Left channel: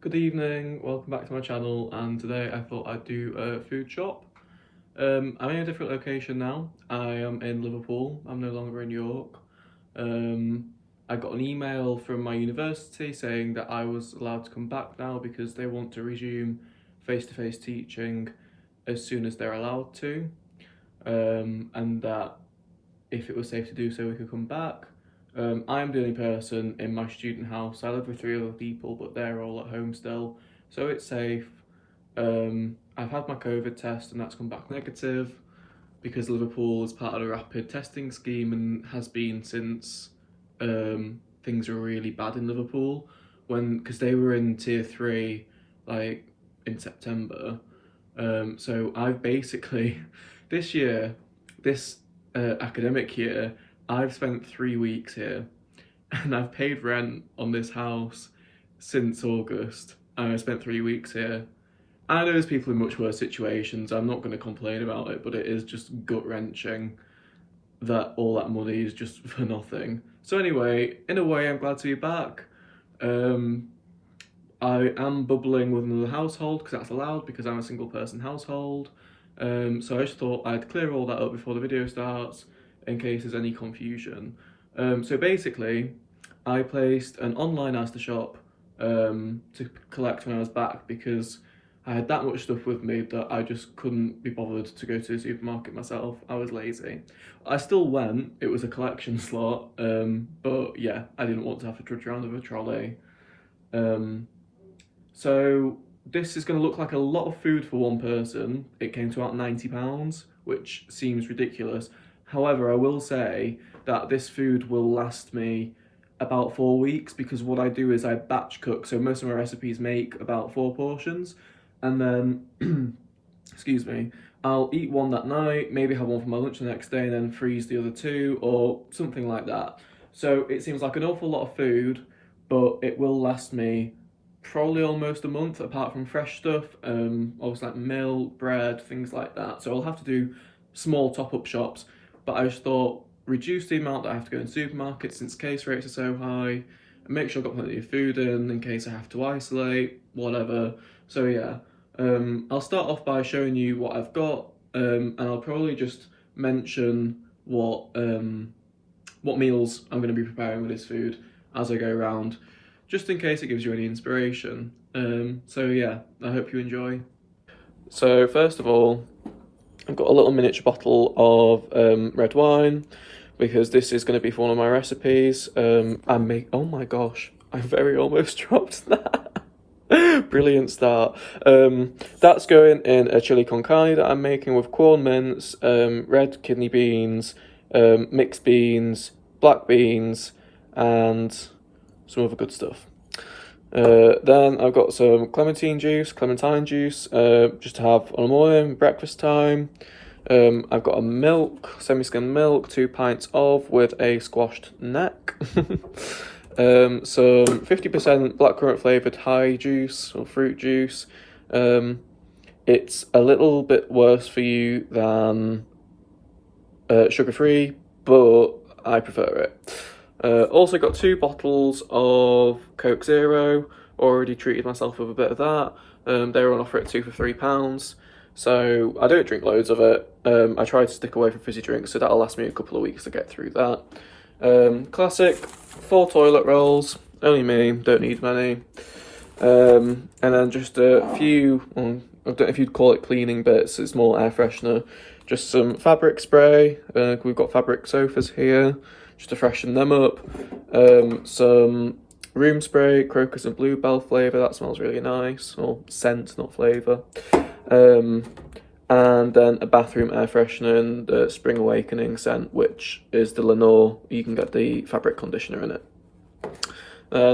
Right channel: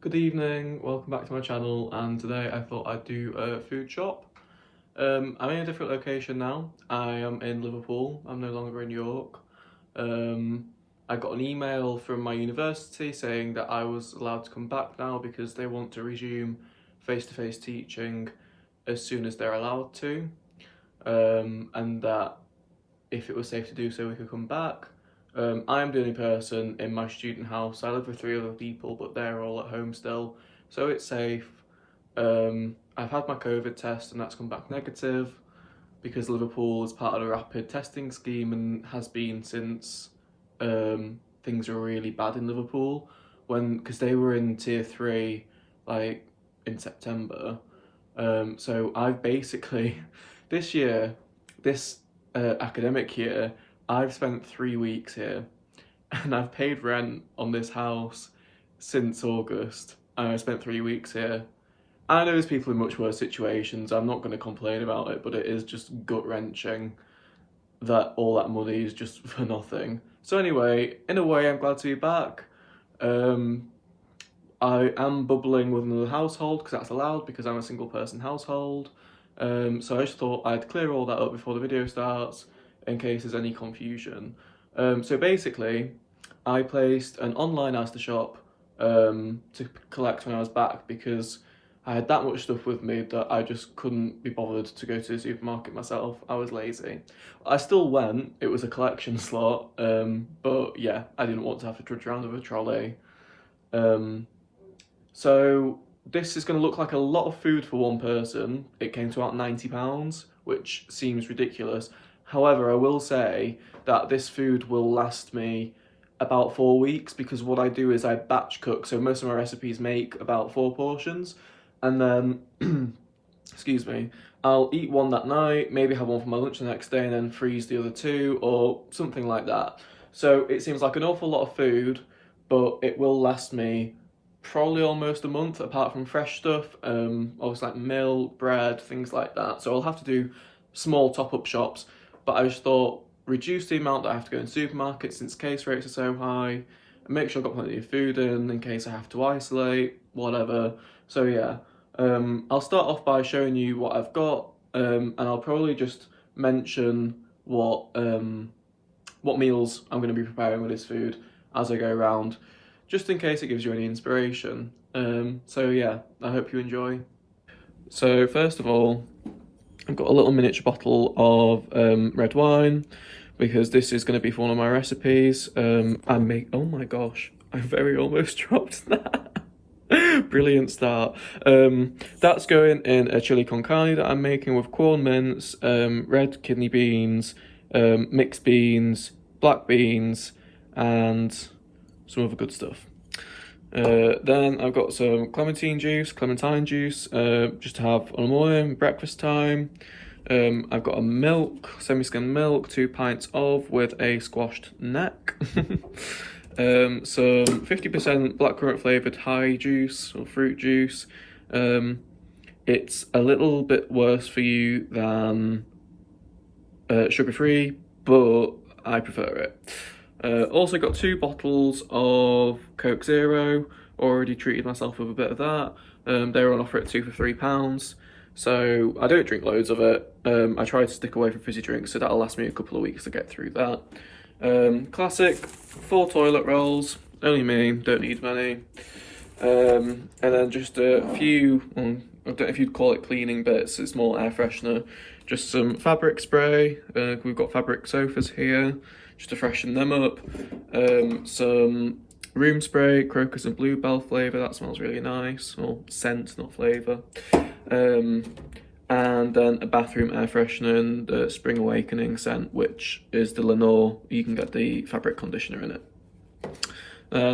Good evening, welcome back to my channel, and today I thought I'd do a food shop. I'm in a different location now. I am in Liverpool, I'm no longer in York. I got an email from my university saying that I was allowed to come back now because they want to resume face-to-face teaching as soon as they're allowed to, and that if it was safe to do so we could come back. I am the only person in my student house. I live with 3 other people, but they're all at home still, so it's safe. I've had my COVID test and that's come back negative because Liverpool is part of a rapid testing scheme and has been since things were really bad in Liverpool, because they were in tier 3 like in September. So I've basically this academic year, I've spent 3 weeks here and I've paid rent on this house since August, and I spent 3 weeks here. I know there's people in much worse situations, I'm not going to complain about it, but it is just gut-wrenching that all that money is just for nothing. So anyway, in a way I'm glad to be back. I am bubbling with another household because that's allowed, because I'm a single person household. So I just thought I'd clear all that up before the video starts, in case there's any confusion. So basically, I placed an online ASDA shop to collect when I was back, because I had that much stuff with me that I just couldn't be bothered to go to the supermarket myself. I was lazy. I still went, it was a collection slot, but yeah, I didn't want to have to trudge around with a trolley. So this is going to look like a lot of food for one person. It came to about £90, which seems ridiculous. However, I will say that this food will last me about 4 weeks, because what I do is I batch cook. So most of my recipes make about 4 portions, and then, excuse me, I'll eat one that night, maybe have one for my lunch the next day, and then freeze the other 2 or something like that. So it seems like an awful lot of food, but it will last me probably almost a month, apart from fresh stuff, obviously like milk, bread, things like that. So I'll have to do small top-up shops. But I just thought, reduce the amount that I have to go in supermarkets since case rates are so high, and make sure I've got plenty of food in case I have to isolate, whatever. So yeah, I'll start off by showing you what I've got, and I'll probably just mention what meals I'm going to be preparing with this food as I go around, just in case it gives you any inspiration. So yeah, I hope you enjoy. So first of all, I've got a little miniature bottle of red wine, because this is going to be for one of my recipes. Oh my gosh, I very almost dropped that. Brilliant start. That's going in a chili con carne that I'm making with corn mince, red kidney beans, mixed beans, black beans, and some other good stuff. Then I've got some Clementine juice, just to have on the morning, breakfast time. I've got a milk, semi-skimmed milk, 2 pints of, with a squashed neck. Some 50% blackcurrant flavoured high juice, or fruit juice. It's a little bit worse for you than sugar-free, but I prefer it. Also got 2 bottles of Coke Zero, already treated myself with a bit of that. They were on offer at 2 for £3, so I don't drink loads of it. I try to stick away from fizzy drinks, so that'll last me a couple of weeks to get through that. Classic 4 toilet rolls, only me, don't need many. And then just a few, I don't know if you'd call it cleaning bits, it's more air freshener. Just some fabric spray, we've got fabric sofas here, just to freshen them up. Some room spray, crocus and bluebell flavour, that smells really nice, or scent, not flavour. And then a bathroom air freshener and the Spring Awakening scent, which is the Lenore. You can get the fabric conditioner in it.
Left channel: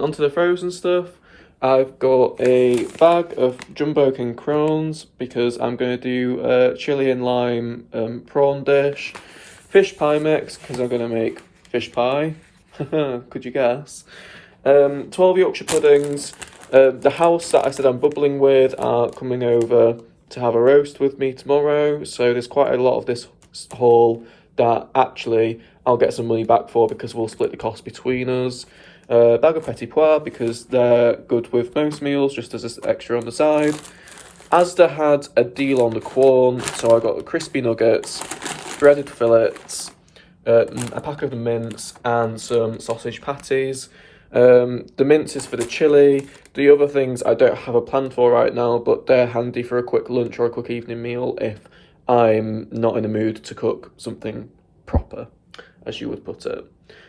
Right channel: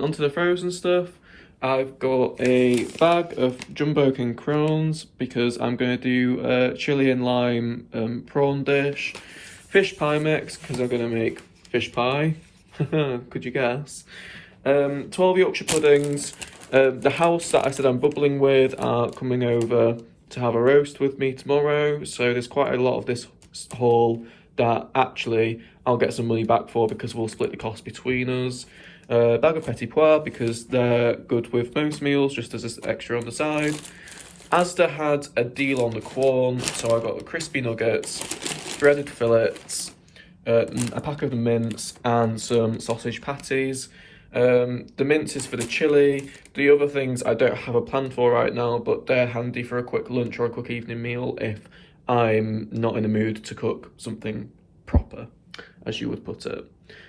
Onto the frozen stuff. I've got a bag of Jumbo King prawns, because I'm going to do a chili and lime prawn dish. Fish pie mix, because I'm going to make fish pie. Could you guess? 12 Yorkshire puddings. The house that I said I'm bubbling with are coming over to have a roast with me tomorrow, so there's quite a lot of this haul that actually I'll get some money back for, because we'll split the cost between us. Bag of petit pois because they're good with most meals, just as an extra on the side. ASDA had a deal on the Quorn, so I got crispy nuggets, breaded fillets, a pack of the mince, and some sausage patties. The mince is for the chili. The other things I don't have a plan for right now, but they're handy for a quick lunch or a quick evening meal if I'm not in the mood to cook something proper, as you would put it.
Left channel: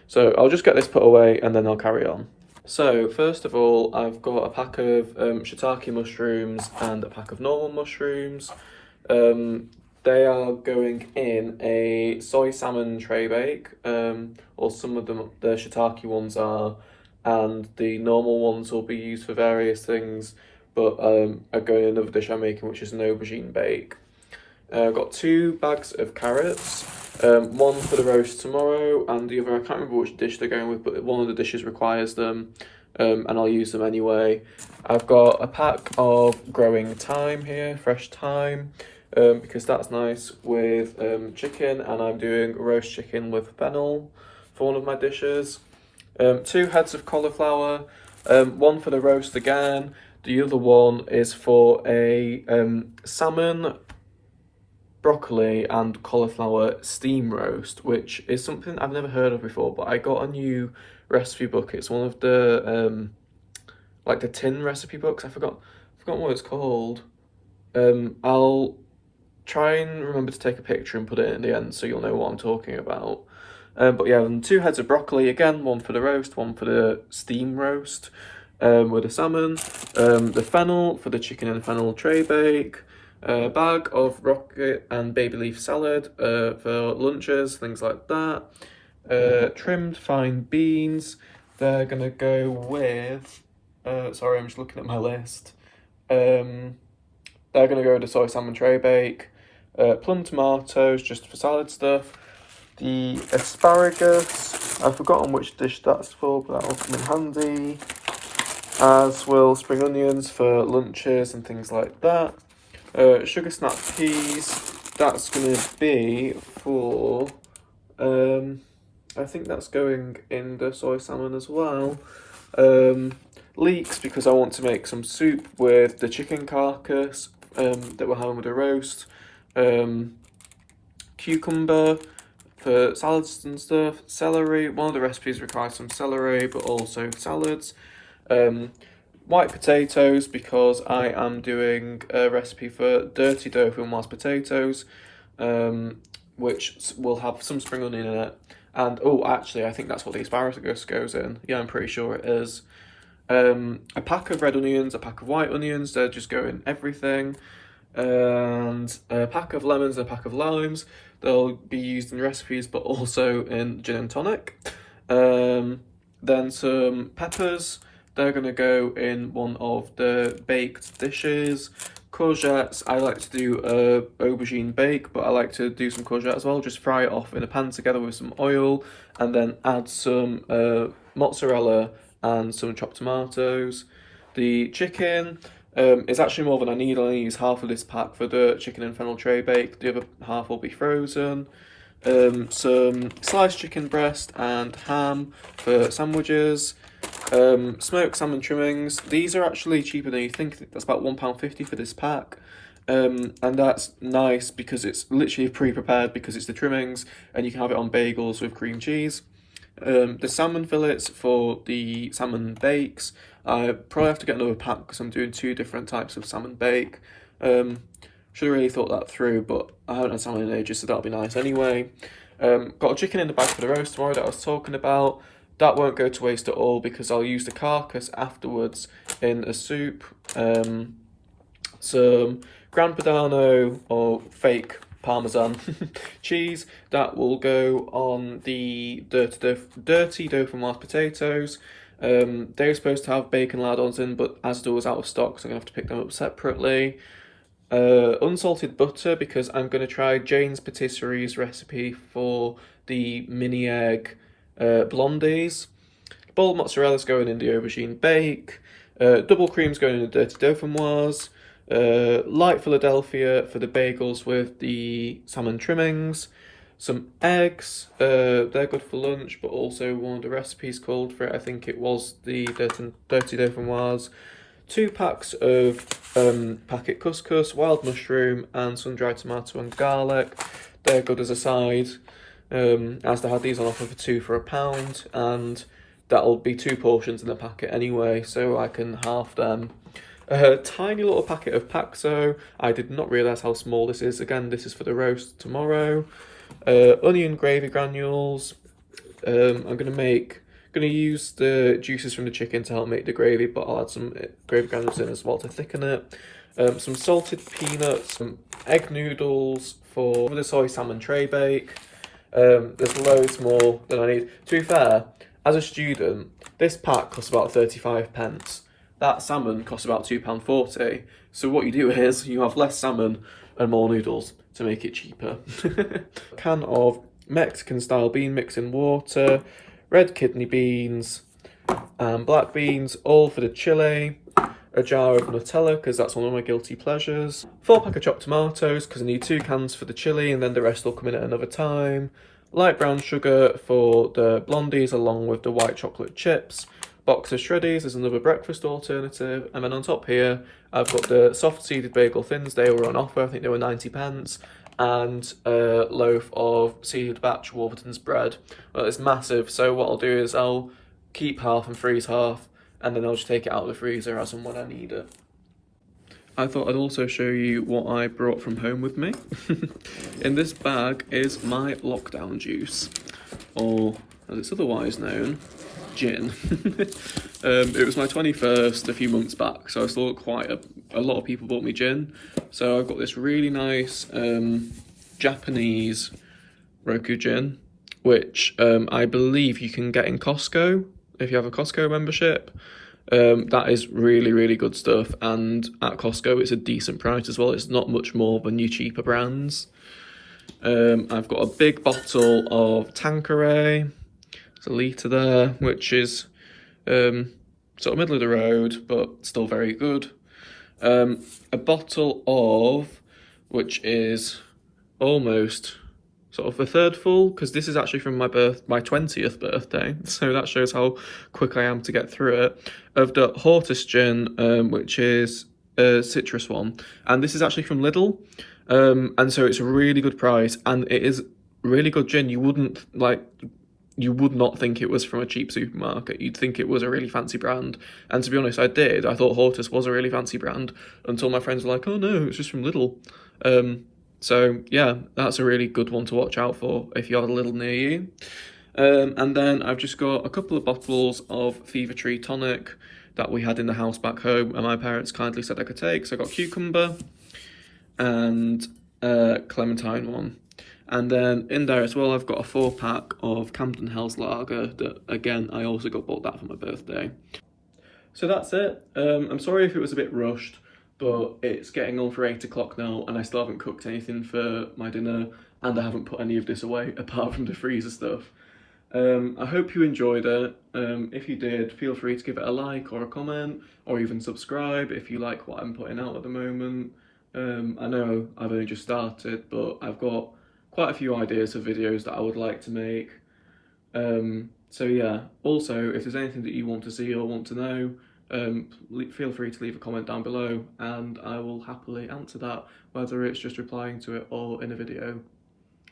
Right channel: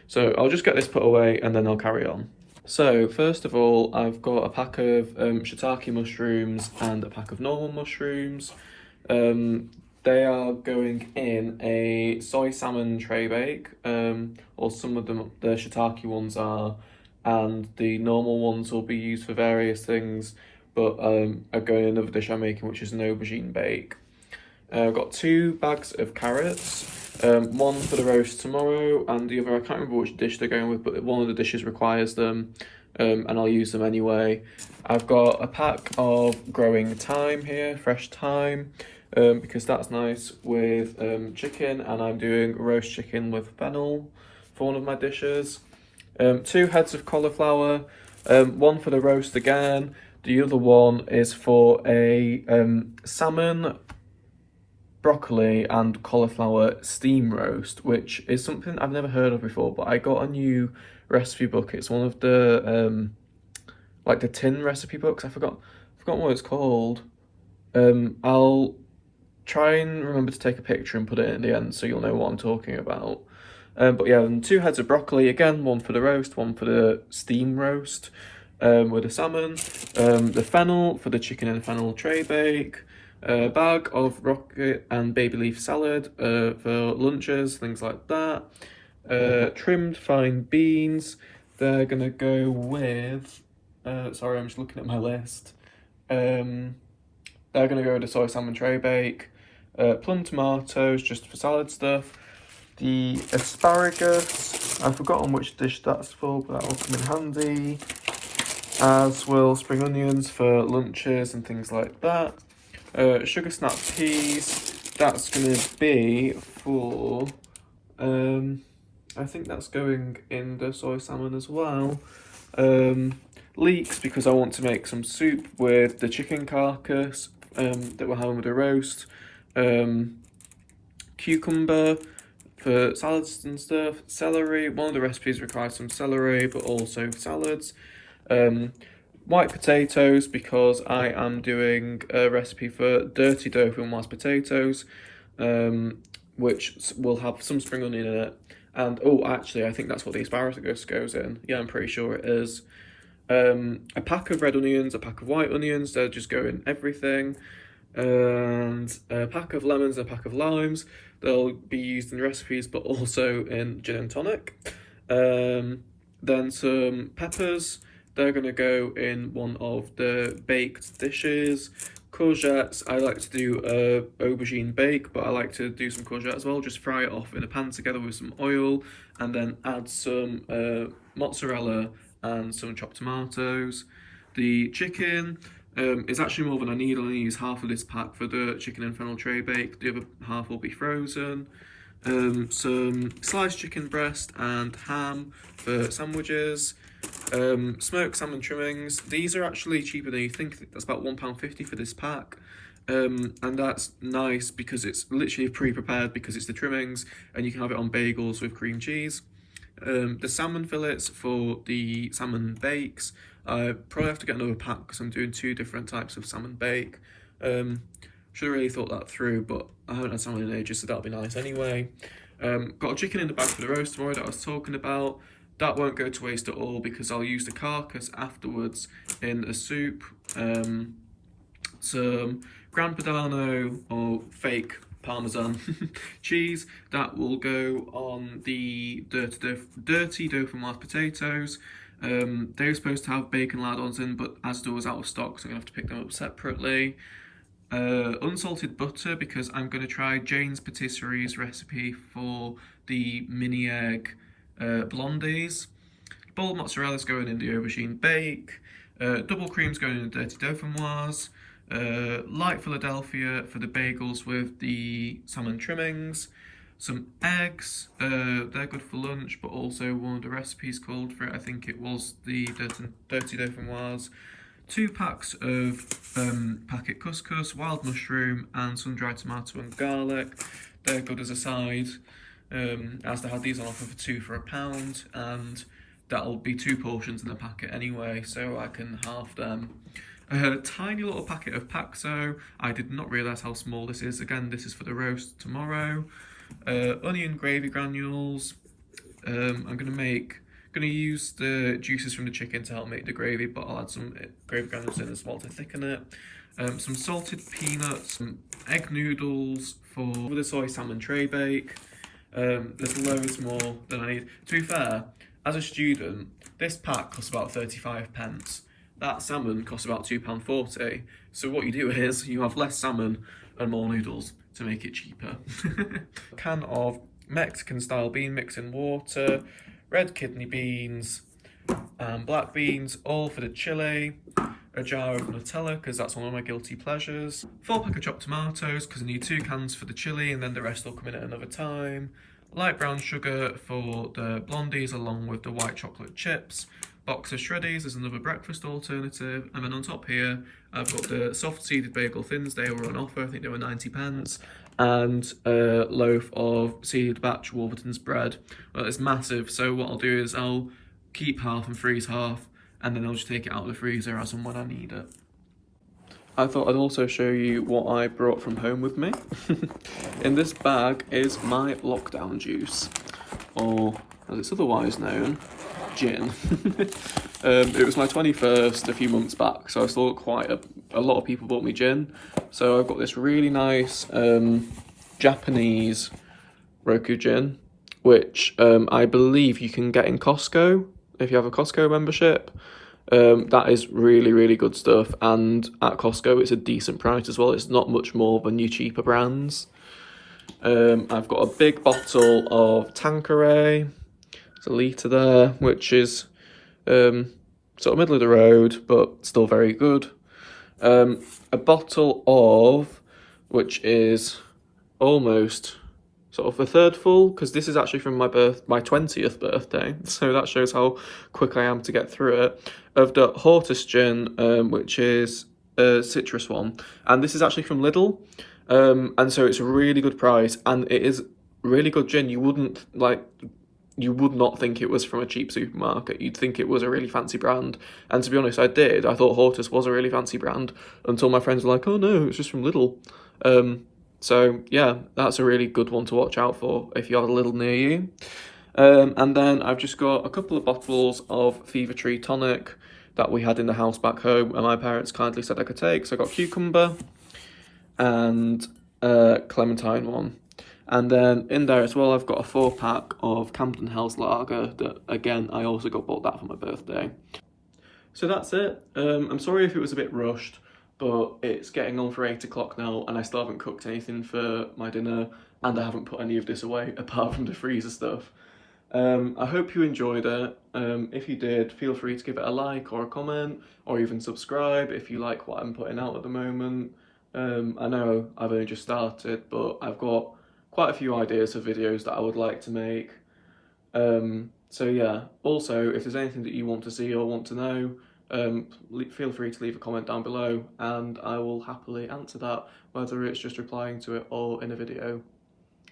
So I'll just get this put away and then I'll carry on. So first of all, I've got a pack of shiitake mushrooms and a pack of normal mushrooms. They are going in a soy salmon tray bake, or some of them, the shiitake ones are, and the normal ones will be used for various things, but are going in another dish I'm making, which is an aubergine bake. I've got 2 bags of carrots, one for the roast tomorrow, and the other, I can't remember which dish they're going with, but one of the dishes requires them, and I'll use them anyway. I've got a pack of growing thyme here, fresh thyme, because that's nice with chicken, and I'm doing roast chicken with fennel for one of my dishes. 2 heads of cauliflower, one for the roast again. The other one is for a salmon, broccoli and cauliflower steam roast, which is something I've never heard of before, but I got a new recipe book. It's one of the like the tin recipe books. I've forgotten what it's called. I'll try and remember to take a picture and put it in the end so you'll know what I'm talking about. But yeah, 2 heads of broccoli, again, one for the roast, one for the steam roast with the salmon, the fennel for the chicken and fennel tray bake, a bag of rocket and baby leaf salad for lunches, things like that, trimmed fine beans. They're going to go with, sorry, I'm just looking at my list. They're going to go with the soy salmon tray bake, plum tomatoes just for salad stuff. The asparagus, I've forgotten which dish that's for, but that'll come in handy. As will spring onions for lunches and things like that. Sugar snap peas, that's going to be for, I think that's going in the soy salmon as well. Leeks, because I want to make some soup with the chicken carcass that we're having with the roast. Cucumber for salads and stuff. Celery, one of the recipes requires some celery, but also salads. White potatoes, because I am doing a recipe for dirty tofu and mashed potatoes, which will have some spring onion in it. And, oh, actually, I think that's what the asparagus goes in. Yeah, I'm pretty sure it is. A pack of red onions, a pack of white onions, they'll just go in everything. And a pack of lemons and a pack of limes. They'll be used in recipes, but also in gin and tonic. Then some peppers. They're going to go in one of the baked dishes. Courgettes, I like to do aubergine bake, but I like to do some courgette as well. Just fry it off in a pan together with some oil, and then add some mozzarella and some chopped tomatoes. The chicken is actually more than I need. I only use half of this pack for the chicken and fennel tray bake. The other half will be frozen. Some sliced chicken breast and ham for sandwiches. Smoked salmon trimmings. These are actually cheaper than you think. That's about £1.50 for this pack. And that's nice because it's literally pre-prepared because it's the trimmings and you can have it on bagels with cream cheese. The salmon fillets for the salmon bakes. I probably have to get another pack because I'm doing 2 different types of salmon bake. Should have really thought that through, but I haven't had salmon in ages, so that'll be nice anyway. Got a chicken in the bag for the roast tomorrow that I was talking about. That won't go to waste at all because I'll use the carcass afterwards in a soup. Some Gran Padano or fake Parmesan cheese that will go on the dirty dough from mashed potatoes. They were supposed to have bacon lardons in, but ASDA was out of stock, so I'm going to have to pick them up separately. Unsalted butter, because I'm going to try Jane's Patisserie's recipe for the mini egg blondies. Boiled mozzarella's going in the aubergine bake. Double cream's going in the dirty dauphinoise. Light Philadelphia for the bagels with the salmon trimmings. some eggs, they're good for lunch, but also one of the recipes called for it. I think it was the Dirty Dauphinoise. 2 packs of packet couscous, wild mushroom, and sun-dried tomato and garlic. They're good as a side. ASDA had these on offer for 2 for £1, and that'll be 2 portions in the packet anyway, so I can half them. A tiny little packet of Paxo. I did not realise how small this is. Again, this is for the roast tomorrow. Onion gravy granules. I'm gonna use the juices from the chicken to help make the gravy, but I'll add some gravy granules in as well to thicken it. Some salted peanuts, some egg noodles for the soy salmon tray bake. There's loads more than I need. To be fair, as a student, this pack costs about 35p. That salmon costs about £2.40. So what you do is you have less salmon and more noodles to make it cheaper. A can of Mexican style bean mix in water, red kidney beans and black beans, all for the chili. A jar of Nutella, because that's one of my guilty pleasures. 4 pack of chopped tomatoes, because I need 2 cans for the chili, and then the rest will come in at another time. Light brown sugar for the blondies, along with the white chocolate chips. Box of shreddies as another breakfast alternative. And then on top here, I've got the soft seeded bagel thins. They were on offer, I think they were 90p. And a loaf of seeded batch Warburton's bread. Well, it's massive, so what I'll do is I'll keep half and freeze half, and then I'll just take it out of the freezer as and when I need it. I thought I'd also show you what I brought from home with me. In this bag is my lockdown juice, or as it's otherwise known, gin. It was my 21st a few months back, so I saw quite a lot of people bought me gin. So I've got this really nice Japanese Roku gin, which I believe you can get in Costco if you have a Costco membership. That is really, really good stuff, and at Costco it's a decent price as well. It's not much more than your cheaper brands. I've got a big bottle of Tanqueray. It's a litre there, which is sort of middle of the road, but still very good. A bottle of, which is almost sort of the third full, because this is actually from my 20th birthday, so that shows how quick I am to get through it, of the Hortest Gin, which is a citrus one, and this is actually from Lidl, and so it's a really good price, and it is really good gin. You would not think it was from a cheap supermarket. You'd think it was a really fancy brand, and to be honest, I did. I thought Hortest was a really fancy brand until my friends were like, oh no, it's just from Lidl. So yeah, that's a really good one to watch out for if you have a Lidl near you. And then I've just got a couple of bottles of Fever Tree tonic that we had in the house back home, and my parents kindly said I could take. So I got cucumber and clementine one. And then in there as well, I've got a 4 pack of Camden Hells Lager that, again, I also bought that for my birthday. So that's it. I'm sorry if it was a bit rushed, but it's getting on for 8 o'clock now, and I still haven't cooked anything for my dinner, and I haven't put any of this away apart from the freezer stuff. I hope you enjoyed it. If you did, feel free to give it a like or a comment, or even subscribe if you like what I'm putting out at the moment. I know I've only just started, but I've got quite a few ideas for videos that I would like to make. So yeah, also if there's anything that you want to see or want to know, feel free to leave a comment down below, and I will happily answer that, whether it's just replying to it or in a video.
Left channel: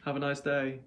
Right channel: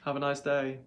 Have a nice day.